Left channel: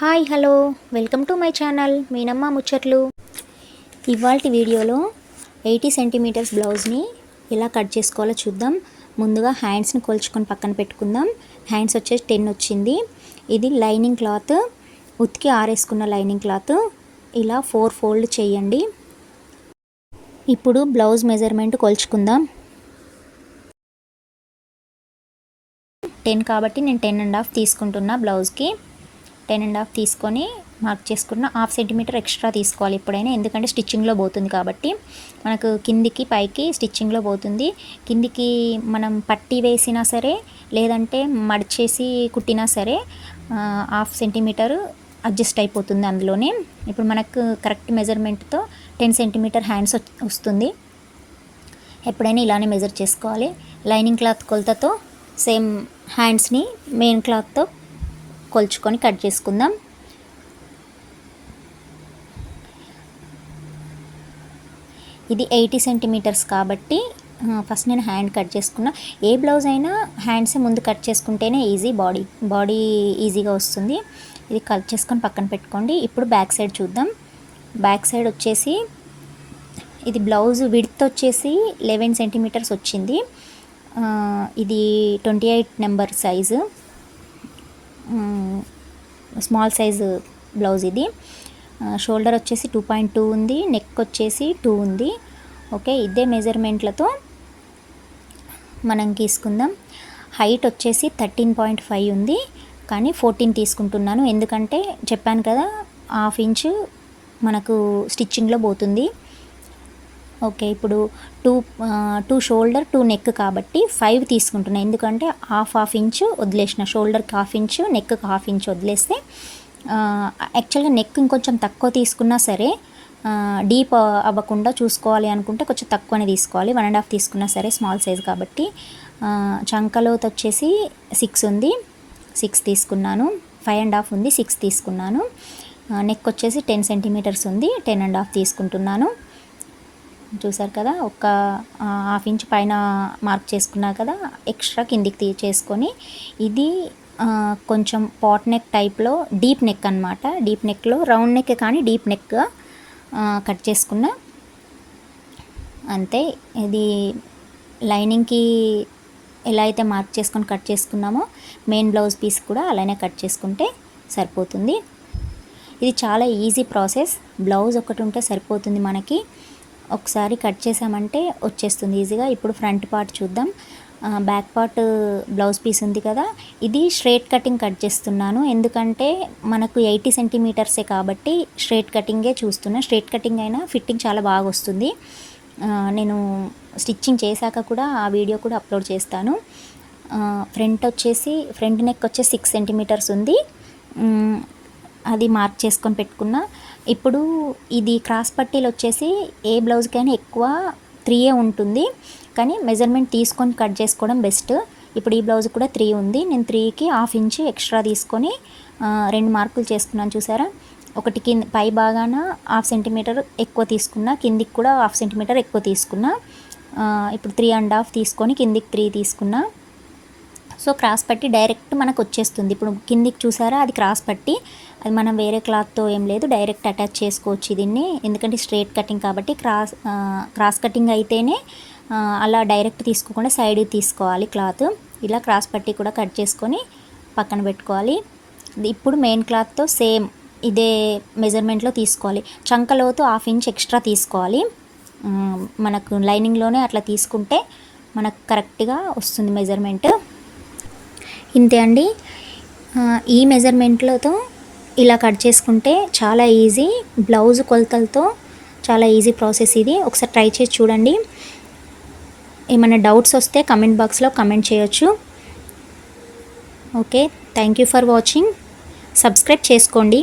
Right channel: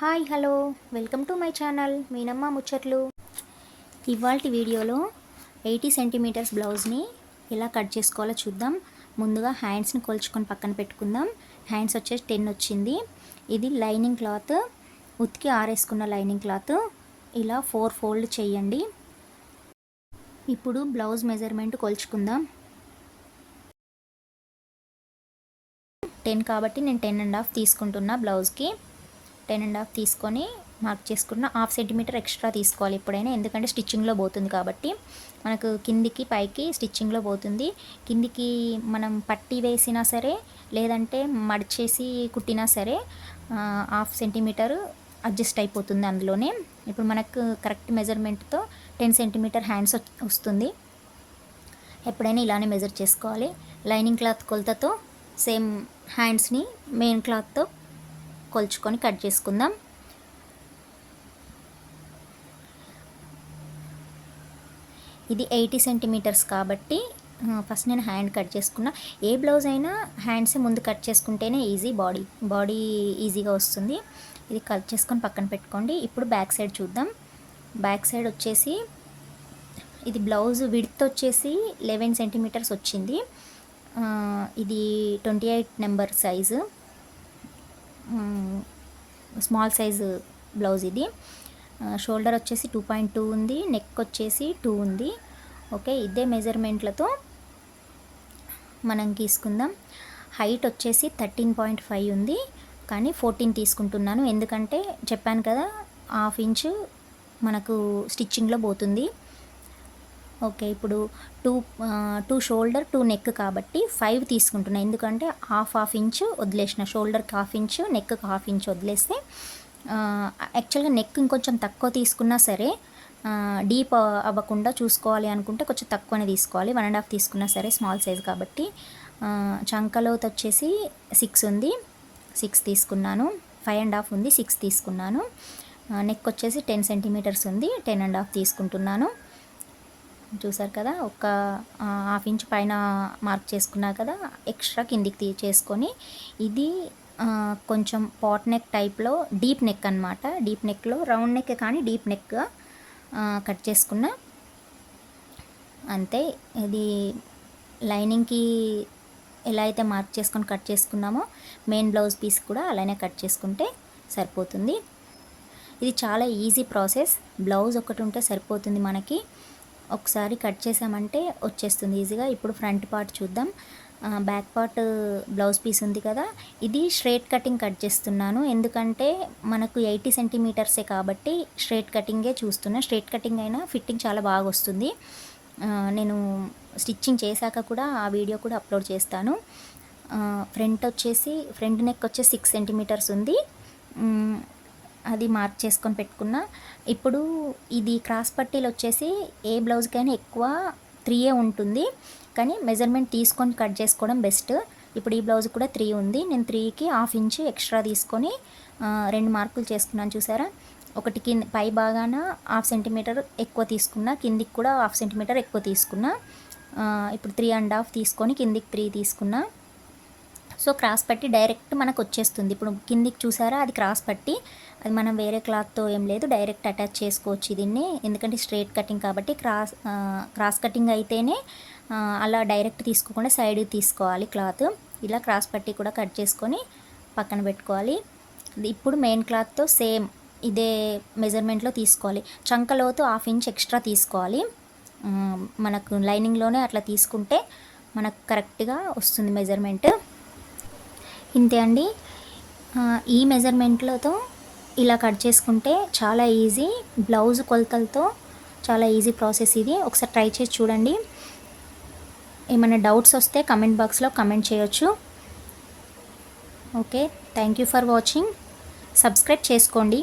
Hi hello welcome to my channel Meenamma ముచ్చట్లు. ఇవాల్టి వీడియోలో 80 సెంటీమీటర్స్ బ్లౌజ్ని ఎలా కట్ చేసుకోవాలో చూద్దాం. ముందుగా హ్యాండ్స్ని కొలుచుకొని పక్కన పెట్టుకుందాం. హ్యాండ్స్ వచ్చేసి 10 వచ్చింది. ఇది లైనింగ్ క్లాత్, ఉతికి ఆరేసుకున్న లైనింగ్ క్లాత్. ఇలా 4 ఫోల్డ్ చేయండి. ఇప్పుడు బ్లౌజ్ మెజర్మెంట్ కొలుచుకుందాం. 10 కాబట్టి నేను 10.5 తీసుకుంటున్నా. బ్లౌజ్కి 10.5 తీసుకొని మార్క్ చేసుకున్న. 1/2 సెంటీమీటర్ ఎక్స్ట్రా తీసుకోవాలి ఎప్పుడైనా, ఎందుకంటే స్టిచ్చింగ్లో పోతుంది కాబట్టి. మనకు కిందికి పైకి స్టిచ్చింగ్లో పోతుంది. కిందికి మనం పట్టి వేసినా సరే, లేదంటే మడిచేసి కుట్టినా సరే 1/2 సెంటీమీటర్ అడ్జస్ట్ అయిపోతుంది అందులోనే. ఇప్పుడు మనకు కరెక్ట్ మెజర్మెంట్తో 10 సెంటీమీటర్ హ్యాండ్స్ వస్తుంది. ఎప్పుడైనా ఇలానే మెజర్ చేసుకోవాలి. లైనింగ్ క్లాత్ కొలతతో సేమ్ హ్యాండ్స్ని మెయిన్ క్లాత్తో కొలుచుకొని కట్ చేసుకుందాం. ఇది 80 సెంటీమీటర్స్ కాబట్టి ఫస్ట్ నేను హ్యాండ్ కట్ చేసుకున్నా. ఏ బ్లౌజ్ అయినా హ్యాండ్స్ ముందు కట్ చేసుకుంటేనే ఈజీ, బాడీ ఈజీగా వస్తుంది. ఇది కట్ చేసుకొని పక్కన పెట్టుకోండి. ఇప్పుడు బ్యాక్ సైడ్ చూద్దాం. బ్యాక్ సైడ్ వచ్చేసి ఇది బ్లౌజ్ విడ్త్ వచ్చేసి 11 సెంటీమీటర్స్ వచ్చింది. ఇది 28 number size, small size blouse. ఇది షోల్డర్ వచ్చేసి 2.2 ఉంది, నెక్ వచ్చేసి 2 ఉంది. ఓకే, ఇదే మెజర్మెంట్లతో మనం తీసుకుందాం. హైట్ వచ్చేసి 13.5 ఉంది, కానీ 14 తీసుకుంటున్నాను. ఎందుకంటే చెప్పాను కదా, 1/2 ఇంచు మనకు స్టిచ్చింగ్లో పోతుంది. ఓకే, ఇప్పుడు 2 షోల్డర్ 2 నెక్ కాబట్టి 5 తీసుకుంటున్నాను. ఎందుకంటే హాఫ్ ఇంచు వదిలేసిన, షోల్డర్కి 1/2 ఇంచు, నెక్కి 1/2 ఇంచు వదిలేస్తే, యాక్చువల్గా నెక్ ఇంకొంచెం తక్కువ తీసుకున్నా సరే డీప్ అవ్వకుండా చూసుకోవాలి అనుకుంటే కొంచెం తక్కువనే తీసుకోవాలి. 1.5 తీసుకున్నా సరే, స్మాల్ సైజ్ కాబట్టి. చంకలోత్ వచ్చేసి 6 ఉంది, 6 తీసుకున్నాను. 5.5 ఉంది, 6 తీసుకున్నాను. నెక్ వచ్చేసి 10 సెంటీమీటర్స్ ఉంది, 10.5 తీసుకుంటున్నాను. చూసారు కదా, ఒక 1/2 ఇంచ్ పైన మార్క్ చేసుకున్నా కదా, ఎక్స్ట్రా కిందికి చేసుకొని. ఇది కొంచెం పాట్ నెక్ టైప్లో డీప్ నెక్ అనమాట. డీప్ నెక్లో రౌండ్ నెక్ కానీ డీప్ నెక్ కట్ చేసుకున్నా. అంతే. ఇది లైనింగ్కి ఎలా అయితే మార్క్ చేసుకొని కట్ చేసుకున్నామో మెయిన్ బ్లౌజ్ పీస్ కూడా అలానే కట్ చేసుకుంటే సరిపోతుంది. ఇది చాలా ఈజీ ప్రాసెస్. బ్లౌజ్ ఒకటి ఉంటే సరిపోతుంది మనకి. ఒకసారి కట్ చేసామంటే వచ్చేస్తుంది ఈజీగా. ఇప్పుడు ఫ్రంట్ పార్ట్ చూద్దాం. బ్యాక్ పార్ట్ బ్లౌజ్ పీస్ ఉంది కదా, ఇది స్ట్రైట్ కటింగ్ కట్ చేస్తున్నాను. ఎందుకంటే మనకు 80 సెంటీమీటర్సే కాబట్టి స్ట్రైట్ కటింగే చూస్తున్నా. స్ట్రైట్ కటింగ్ అయినా ఫిట్టింగ్ చాలా బాగా వస్తుంది. నేను స్టిచ్చింగ్ చేశాక కూడా ఆ వీడియో కూడా అప్లోడ్ చేస్తాను. ఫ్రంట్ నెక్ వచ్చేసి 6 సెంటీమీటర్స్ ఉంది, అది మార్క్ చేసుకొని పెట్టుకున్నా. ఇప్పుడు ఇది క్రాస్ పట్టీలు వచ్చేసి ఏ బ్లౌజ్కైనా ఎక్కువ 3 ఉంటుంది, కానీ మెజర్మెంట్ తీసుకొని కట్ చేసుకోవడం బెస్ట్. ఇప్పుడు ఈ బ్లౌజ్ కూడా 3 ఉంది. నేను 3కి 1/2 ఇంచు ఎక్స్ట్రా తీసుకొని 2 మార్కులు చేసుకున్నాను. చూసారా, ఒకటి కింద పై భాగాన 1/2 సెంటీమీటర్ ఎక్కువ తీసుకున్నా, కిందికి కూడా 1/2 సెంటీమీటర్ ఎక్కువ తీసుకున్నా. ఇప్పుడు 3.5 తీసుకొని కిందికి 3 తీసుకున్నా. సో క్రాస్ పట్టి డైరెక్ట్ మనకు వచ్చేస్తుంది. ఇప్పుడు కిందికి చూసారా, అది క్రాస్ పట్టి. అది మనం వేరే క్లాత్తో ఏం లేదు, డైరెక్ట్ అటాచ్ చేసుకోవచ్చు దీన్ని. ఎందుకంటే స్ట్రైట్ కటింగ్ కాబట్టి. క్రాస్ కటింగ్ అయితేనే అలా డైరెక్ట్ తీసుకోకుండా సైడ్ తీసుకోవాలి క్లాత్. ఇలా క్రాస్ పట్టి కూడా కట్ చేసుకొని పక్కన పెట్టుకోవాలి. ఇప్పుడు మెయిన్ క్లాత్తో సేమ్ ఇదే మెజర్మెంట్లో తీసుకోవాలి. చంకలోతు 1/2 ఇంచ్ ఎక్స్ట్రా తీసుకోవాలి. మనకు లైనింగ్లోనే అట్లా తీసుకుంటే మనకు కరెక్ట్గా వస్తుంది మెజర్మెంట్. ఇంతే అండి. ఈ మెజర్మెంట్లతో ఇలా కట్ చేసుకుంటే చాలా ఈజీ. బ్లౌజ్ కొలతలతో చాలా ఈజీ ప్రాసెస్ ఇది. ఒకసారి ట్రై చేసి చూడండి. ఏమైనా డౌట్స్ వస్తే కమెంట్ బాక్స్లో కమెంట్ చేయొచ్చు. Okay, thank you for watching. Subscribe చేసుకోండి.